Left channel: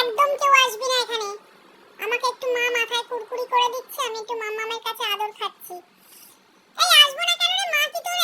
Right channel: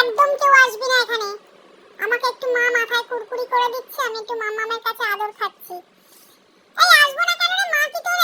একদম কেউ আসবি না এখানে। আমাকে একটু মা মাথায় কুরকুরি করে দিচ্ছে, আমি একটু মা মামার কাছে আদর খাচ্ছি। এই আসব না কেন রে? মা কি তোর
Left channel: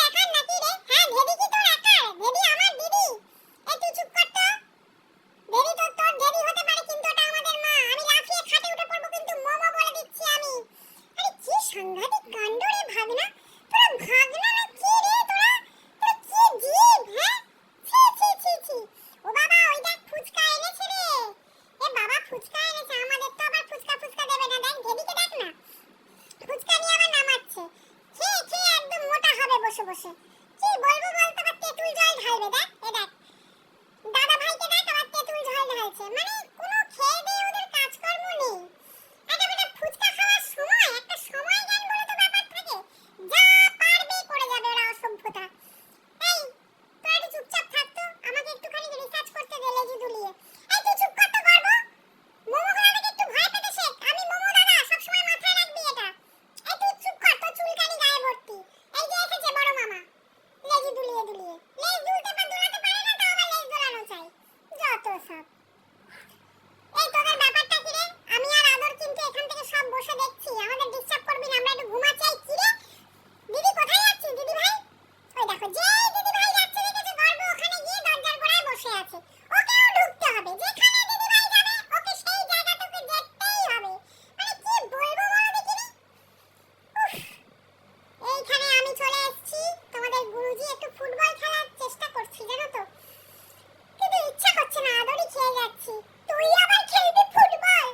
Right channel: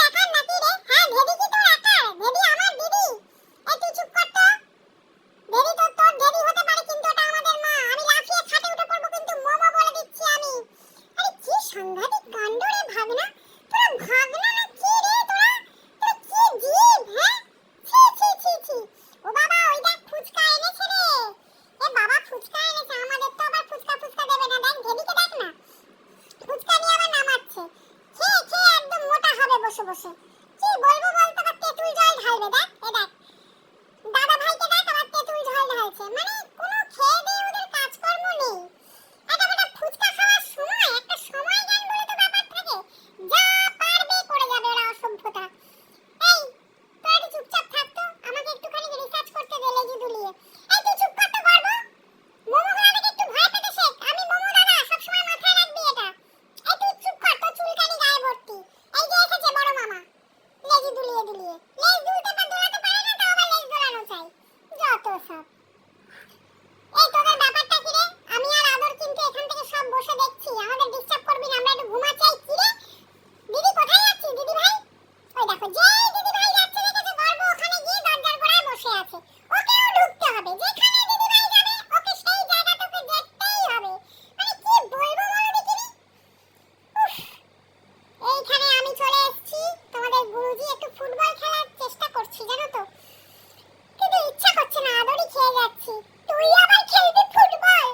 বসে। কি বলব বলতো? তেঁতুল জল ঢালবে দেখ এ দেখ। হবে মানে আমি চলে এসেছি, তোমাদের গুরুজি ফুটবল খেলার চেষ্টা করছি, জানো তো। কিন্তু ইচ্ছা না, আদরি খেয়ে যাচ্ছি। তুই ফুটবল?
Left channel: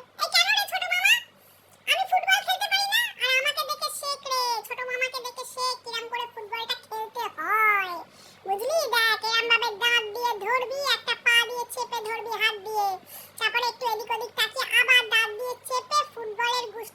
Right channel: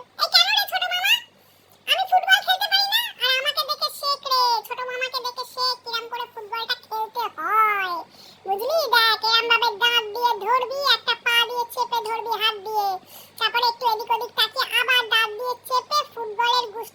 এই ফুটবল খেলতে না? আর আমাকে দেখে শেখ রে, ছোট মামাকে দেখে শেখ কিরম করে ফুটবলটা খেলতে হয়। বুঝলি? দেখ এরম ভাবে দাঁত দিয়ে ধরবি একটা চেপে ধরবি হাত দিয়ে। তারপরে একটু এদিক ওদিক তাকিয়ে আবার দাঁত দিয়ে চেপে ফুটবলের গুষ্টি